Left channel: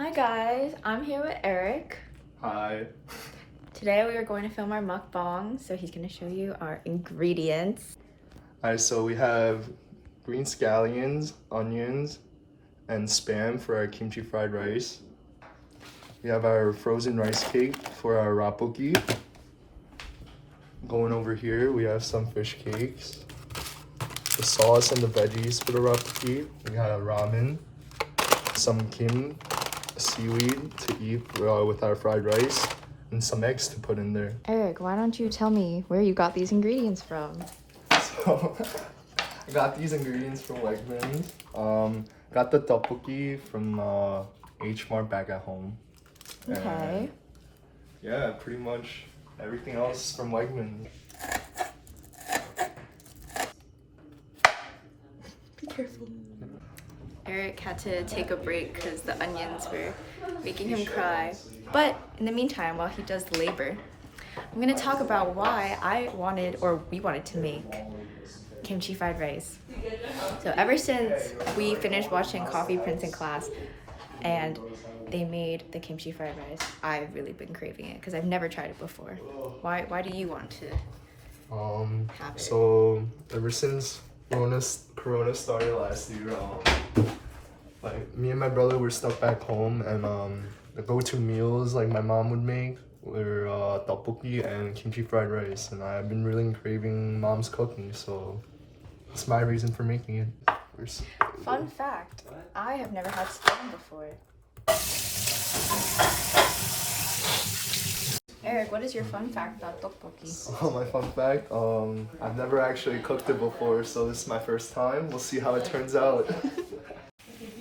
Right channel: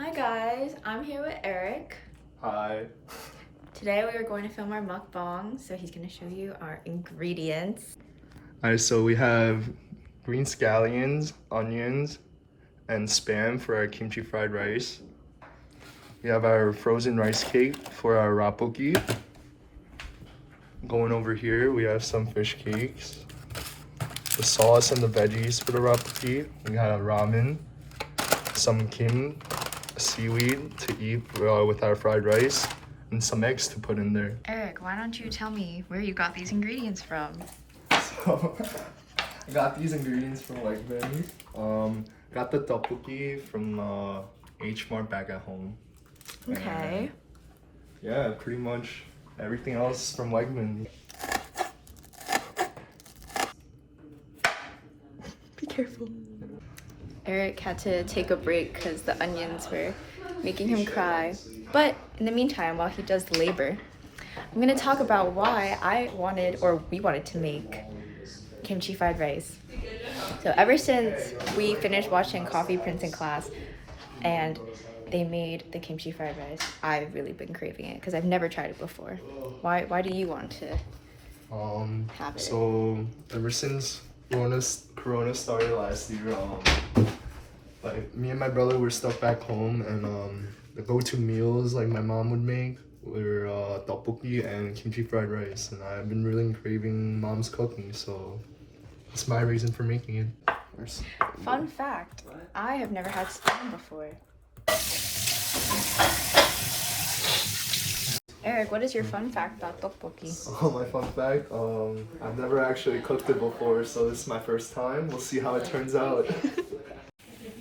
Hi guys, I'm here with Eric. Hi. Today we are going to film our mukbang, so he's going to show you our ingredients. Alright, so we have green scallions, onions, and Spam for our kimchi fried rice. We have our frozen rice cake for our Rabokki. Going over here, we have some fish cakes. The sauce and the veggies for the Rabokki. We have ramen, some seaweed to eat with our fried rice, and some eggs to put in there. Eric, why don't you tell me where you got these ingredients from? So, I got these ingredients from Wegmans. Got the tteokbokki from H Mart back at home. Okay. And yeah, pretty much everything else from Wegmans. Be careful. Eric had to take a break because the onions were making him cry. But in the meantime, while he does labor, I'm gonna talk about why we wanted to make kimchi fried rice. So ever since we finished watching Coffee Prince in class and they made the kimchi fried rice, I've really been craving it because I've never tried it before. Why do you want to have it? So ever since Corona started last year, like me and my brother were stuck back home, and the go-to meals like my mom would make were tteokbokki and kimchi fried rice, and I've been really craving mom's cooking, so that's my reason for making it. Fun fact, I have never had spam before. Eric, what is your fun fact about tteokbokki? Oh, my fun fact, I've never actually cooked it before, so this is my first time. We'll see how it turns out.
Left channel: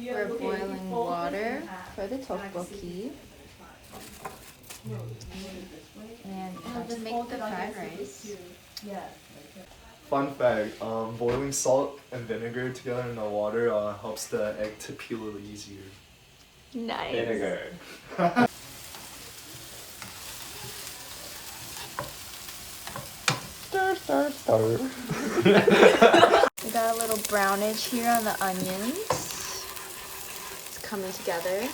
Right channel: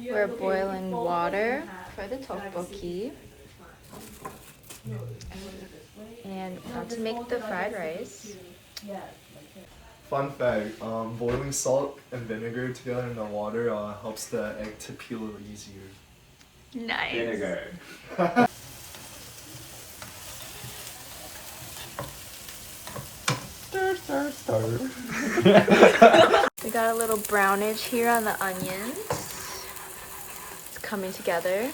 We're boiling water for the tteokbokki. And now to make the fried rice. Fun fact, boiling salt and vinegar together in the water helps the egg to peel a little easier. Nice. Vinegar. We got a little brownage here on the onions. It's coming together.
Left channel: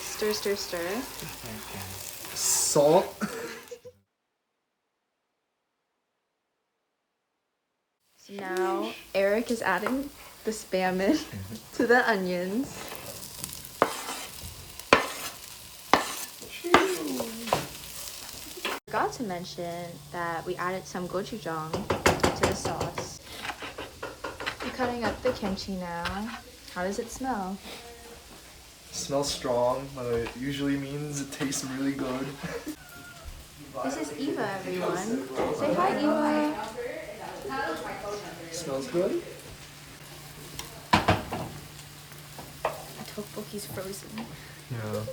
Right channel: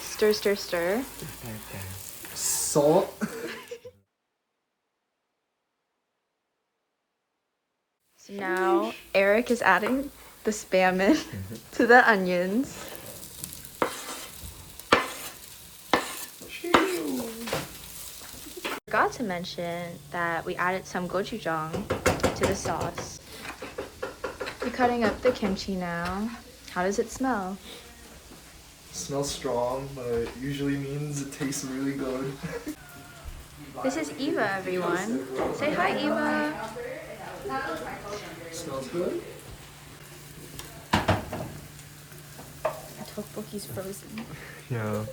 Stir, stir, stir. Salt. Now Eric is adding the spam in to the onions. Forgot to mention that we added some gochujang to the sauce. We're cutting up the kimchi now. How does it smell? It smells strong, but it usually means it tastes really good. This is Eva, everyone. Say hi, Eva. Smells good. The tteokbokki's frozen. Yeah.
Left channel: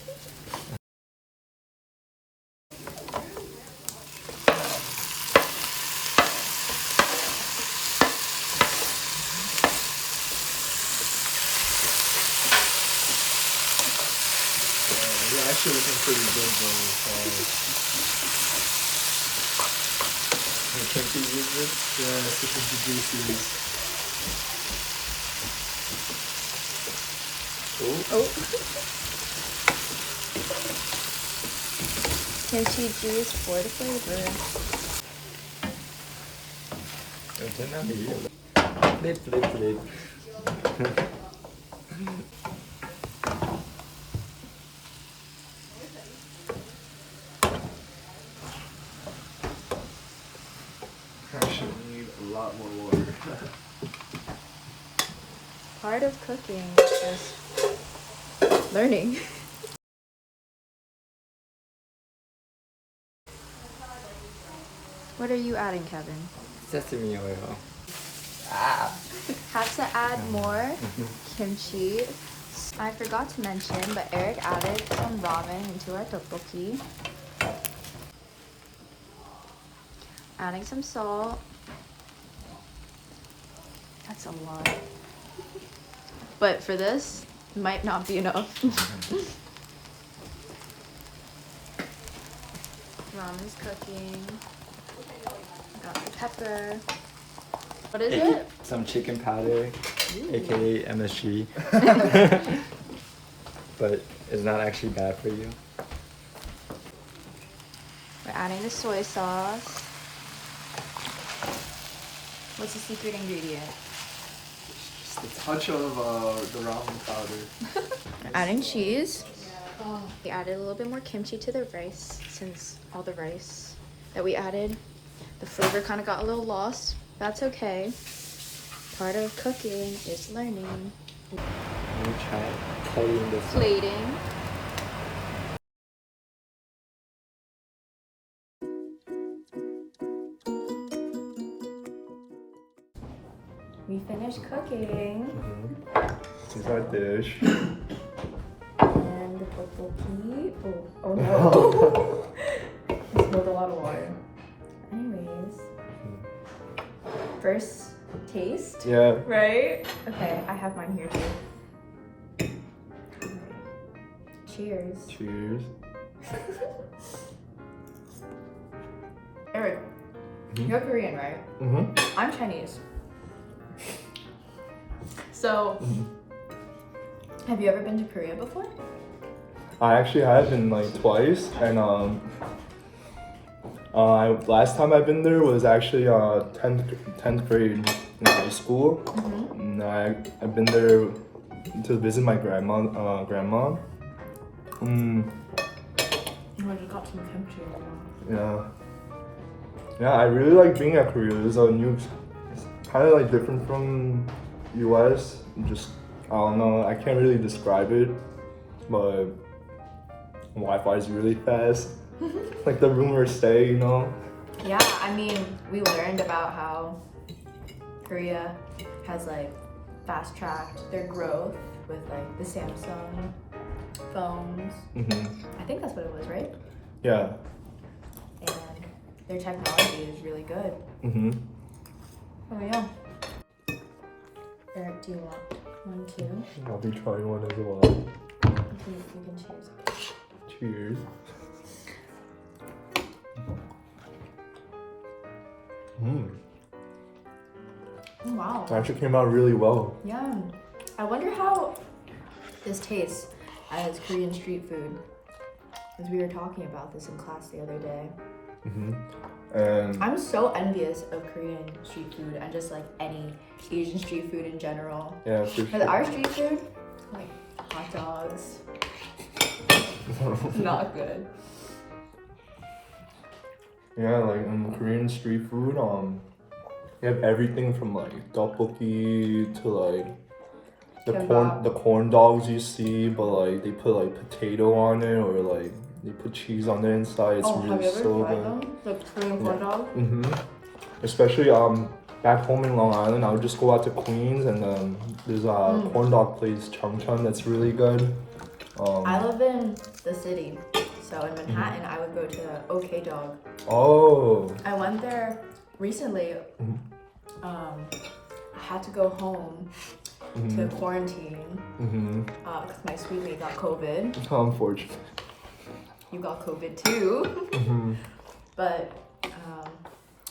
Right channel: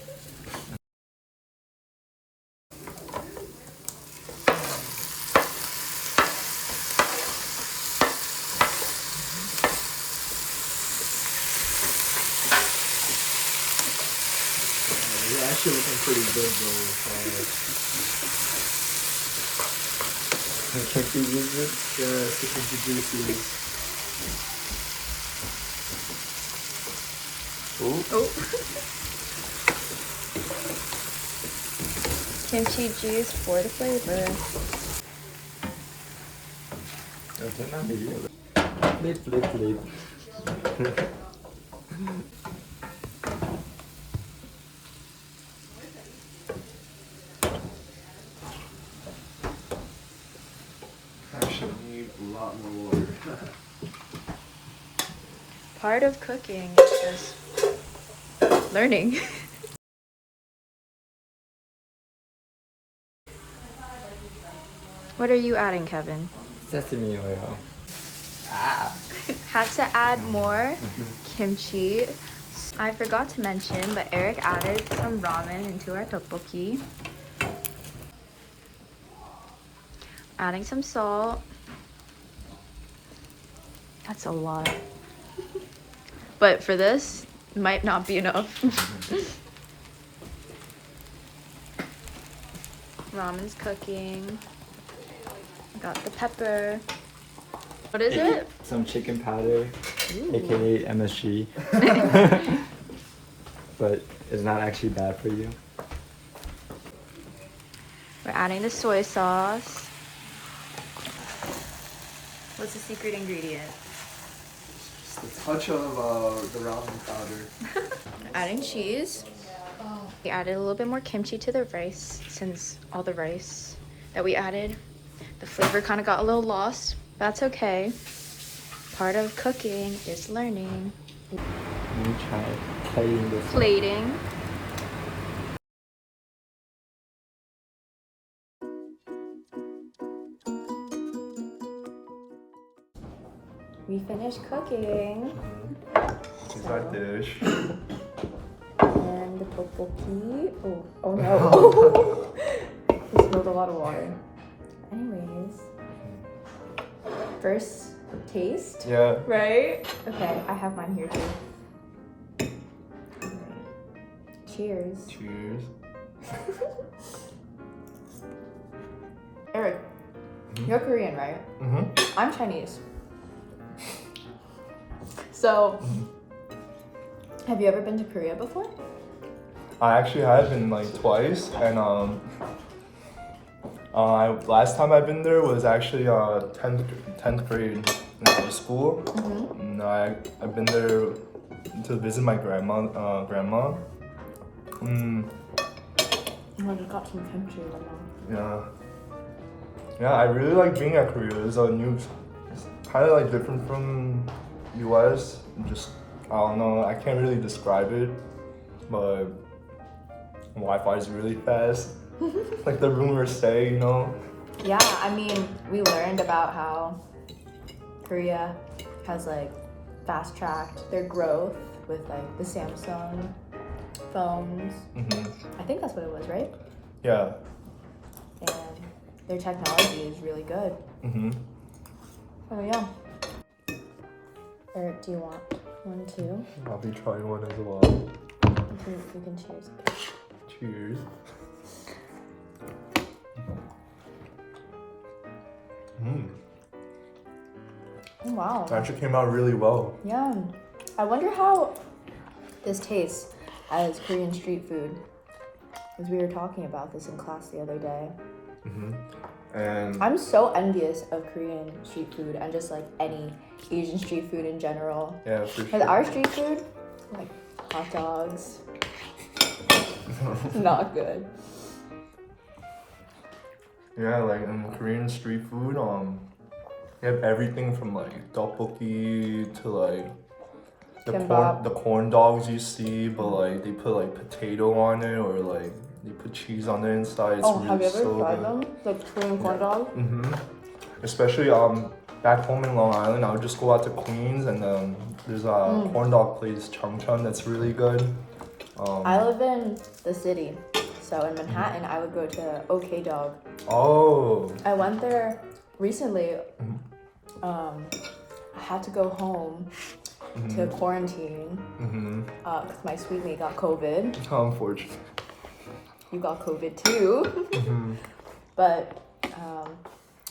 You're actually looking pretty good though. Kimchi juices? Yeah, it's the kimchi juices. Oh. Kimchi juice for the flavor. Flip. I should need a lot more water. Part of cooking is just learning. What are you adding, Kevin? Sesame oil. Had to add more kimchi. I forgot to mention, but Eric added some ramen into our tteokbokki. Adding some salt. That's a lot. But for this, might not be enough. Ramen's cooking. Got the pepper. What is it? Some chicken powder, aka MSG. but it's not actually bad for you. We're adding the soy sauce. What's the secret ingredient? Just a touch of the ramen powder. Adding cheese. We added a little bit more kimchi to the rice since all the rice that we added, the flavor kind of got a little lost. That's okay. Part of cooking is learning. Let me try plating this. Plating. We finished cooking. This is my dish. And the Rabokki. Oh no. I spilled a lot of water. Anyways. First taste? Yeah. Right? Okay, I have mine here too. Cheers. Cheers. Eric, you're Korean, right? Mm-hmm. I'm Chinese. So, have you ever been to Korea before? I actually have been like twice, and last time I've been there was actually 10th grade in high school. Mm-hmm. And I've been there to visit my grandma. Oh, you got some kimchi. Yeah, I really like being at Korea. It's a new, kind of like different from US. Just, I don't know, I can't really describe it, but Wi-Fi is really fast. Like the room we're staying, you know? Yeah, I mean, we learned about how Korea has like fast-tracked their growth with like the Samsung phones. Mm-hmm. I think that's what it was, right? Yeah. And their technology is really good. Mm-hmm. Oh yeah. Eric, do you want one too? I'll be trying one as well. You can choose. Cheers. Oh wow. It actually came out really well. Yeah. I wonder how this tastes as Korean street food. Because we were talking about this in class the other day. Mm-hmm. And I'm so envious of Korean street food and just like any Asian street food in general. yeah, for Because sure. our street food, like hot dogs, not good. Yeah, like in Korean street food, they have everything from like tteokbokki to like Kimbap. the corn dogs you see, but like they put like potato on it or like they put cheese on the inside. It's Oh, have really you ever so tried good. them? Like Korean corn dogs? Mm-hmm. Especially back home in Long Island, I would just go out to Queens and there's a corn dog place, Chungcheon, that's really good. I live in the city, so in Manhattan, I would go to OK Dog. Oh. I went there recently. I had to go home to quarantine because my sweetie got COVID. How unfortunate. You got COVID too. But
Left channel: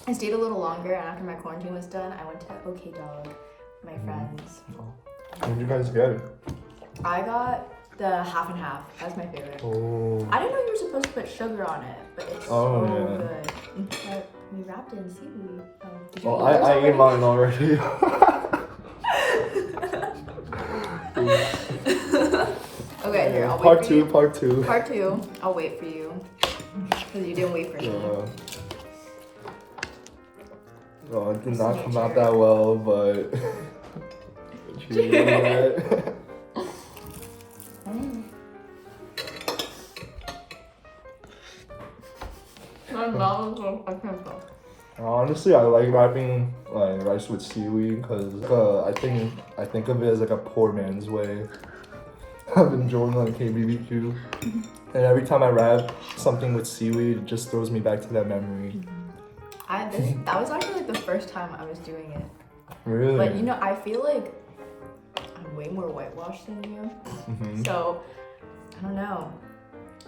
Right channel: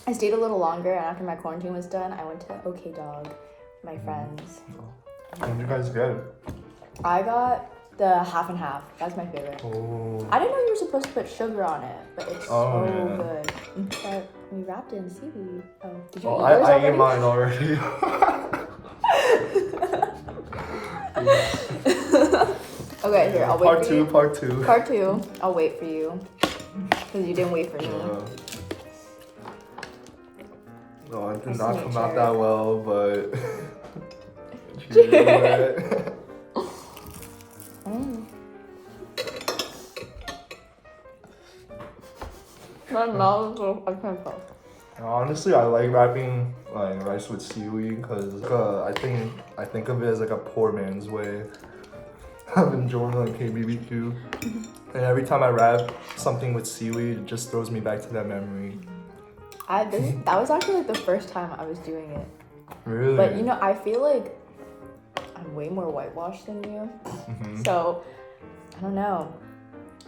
I stayed a little longer, and after my quarantine was done, I went to OK Dog with my friends. What did you guys get? I got the half and half. That's my favorite. Oh. I didn't know you were supposed to put sugar on it, but it's so good. But we wrapped it in seaweed. Did you Oh, eat yours I ate already? mine already. Okay, here, I'll wait Part for two, you. part two. Part two, I'll wait for you. Because you didn't wait for me. No, it did I'll not see come you out later. that well, but cheers to that. My mouth is I can't talk. Honestly, I like wrapping like rice with seaweed because I think of it as like a poor man's way of enjoying like KBBQ. And every time I wrap something with seaweed, it just throws me back to that memory. That was actually like the first time I was doing it. Really? But you know, I feel like I'm way more whitewashed than you. So, I don't know.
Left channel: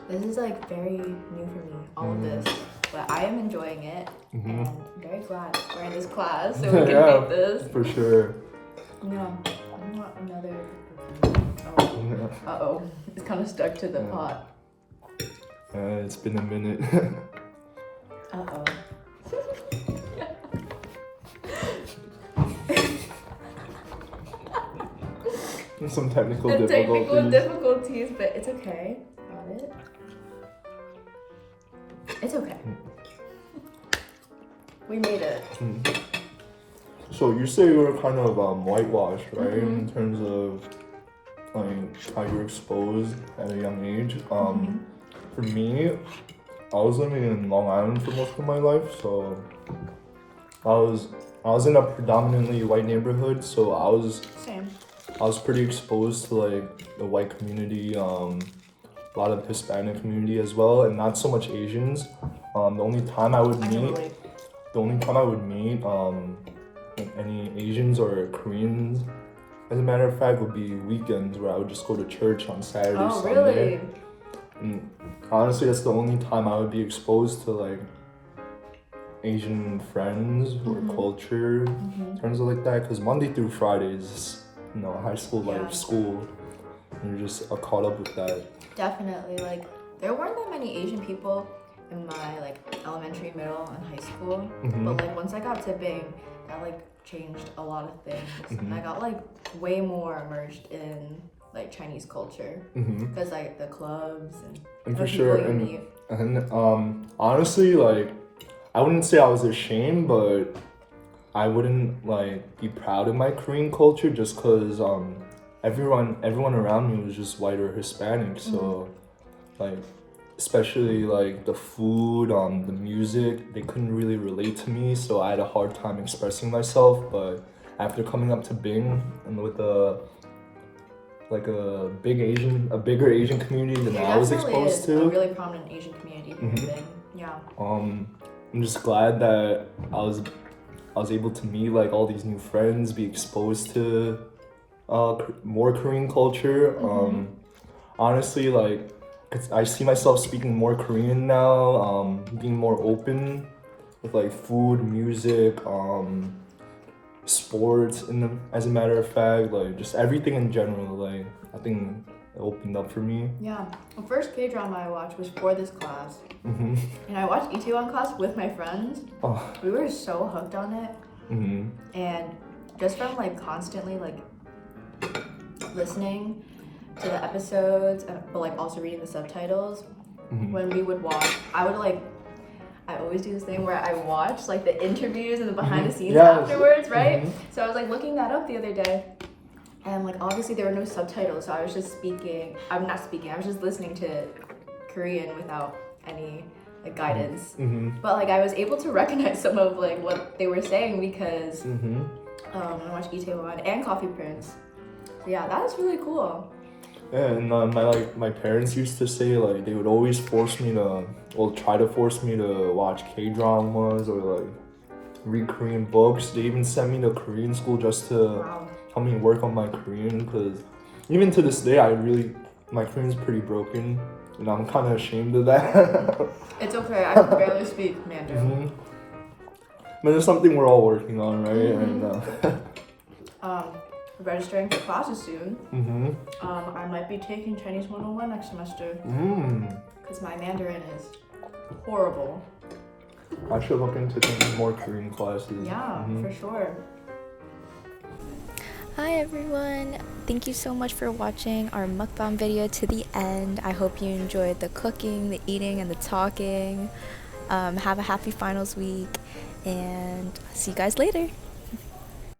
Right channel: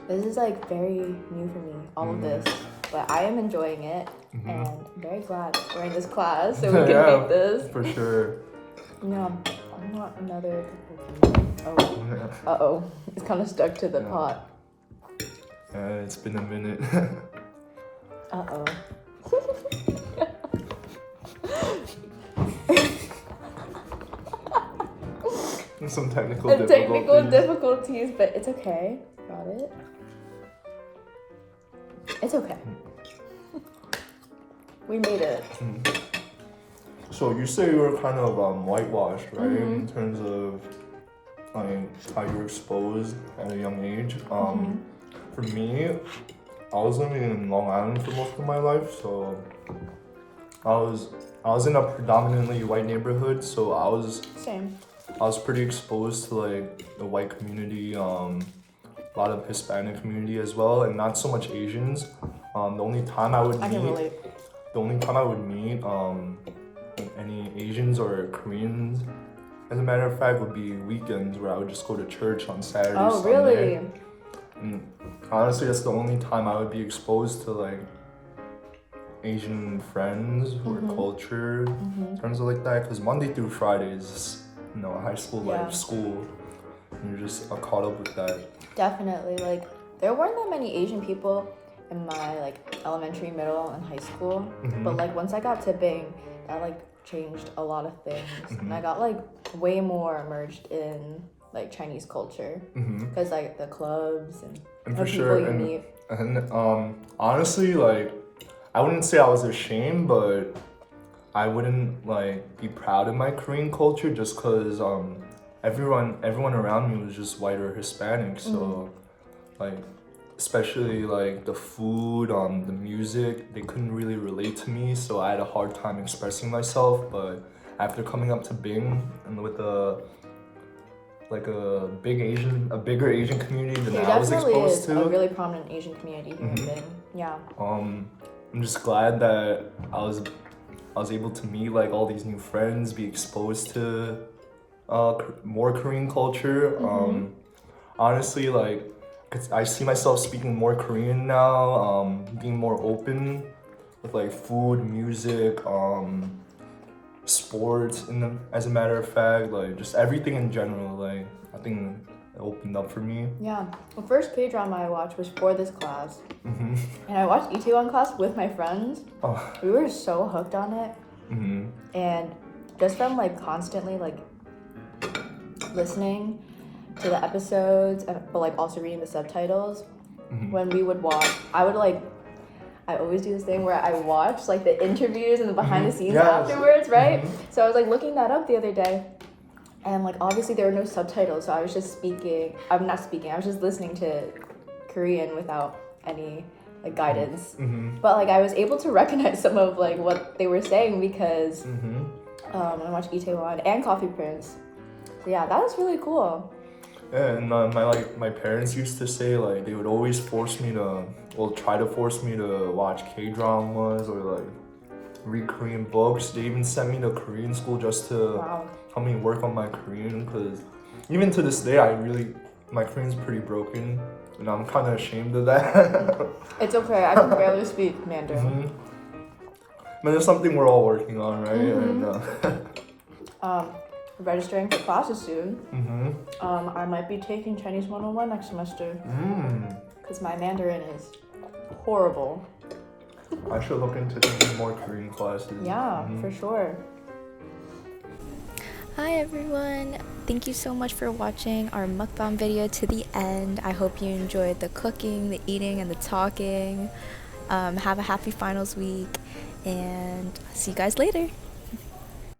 This is like very new for me, all of this. But I am enjoying it. And I'm very glad we're in this class so we can eat this. For sure. Yeah, I want another. Uh-oh. It's kind of stuck to the pot. It's been a minute. Uh-oh. Some technical difficulties, but it's okay. Got it. It's okay. We made it. So you say you were kind of whitewashed, right? In terms of like how you were exposed at a young age. For me, I was living in Long Island for most of my life, so I was in a predominantly white neighborhood, so I was pretty exposed to like the white community, a lot of Hispanic community as well, and not so much Asians. The only time I would meet any Asians or Koreans, as a matter of fact, would be weekends where I would just go to church on Saturday, Sunday. Really? And honestly, that's the only time I would be exposed to like Asian friends or culture in terms of like that. Because Monday through Friday is, high school life, school. And you're just caught up with that. Definitely. Like, there weren't that many Asian people in my like elementary, middle, and high school. But like once I got to Bing, that like changed a lot of things. And I got like way more immersed in like Chinese culture because like the clubs and for sure. And honestly, like I wouldn't say I was ashamed, but I wouldn't like be proud of my Korean culture just because everyone around me was just white or Hispanic. So like especially like the food, the music, they couldn't really relate to me, so I had a hard time expressing myself. But after coming up to Bing and with a bigger Asian community than I was exposed to. A really prominent Asian community here in Bing. Yeah. I'm just glad that I was able to meet like all these new friends, be exposed to more Korean culture. Honestly, like I see myself speaking more Korean now, being more open with like food, music, sports, as a matter of fact, like just everything in general. Like I think it opened up for me. Yeah, the first K-drama I watched was for this class, and I watched Itaewon Class with my friends. We were so hooked on it, and just from like constantly like listening to the episodes, but like also reading the subtitles. When we would watch, I always do this thing where I watch like the interviews and the behind the scenes afterwards, right? So I was like looking that up the other day, and like obviously there were no subtitles, so I was just I was just listening to Korean without any like guidance. But like I was able to recognize some of like what they were saying because I watched Itaewon and Coffee Prince. Yeah, that was really cool. Yeah, and my parents used to say like they would always try to force me to watch K-dramas or like read Korean books. They even sent me to Korean school just to help me work on my Korean, because even to this day my Korean's pretty broken and I'm kind of ashamed of that. It's okay, I can barely speak Mandarin. But it's something we're all working on, right? And registering for classes soon. I might be taking Chinese 101 next semester because my Mandarin is horrible. I should look into taking more Korean classes. Yeah, for sure. Hi everyone! Thank you so much for watching our mukbang video to the end. I hope you enjoyed the cooking, the eating, and the talking. Have a happy finals week, and see you guys later.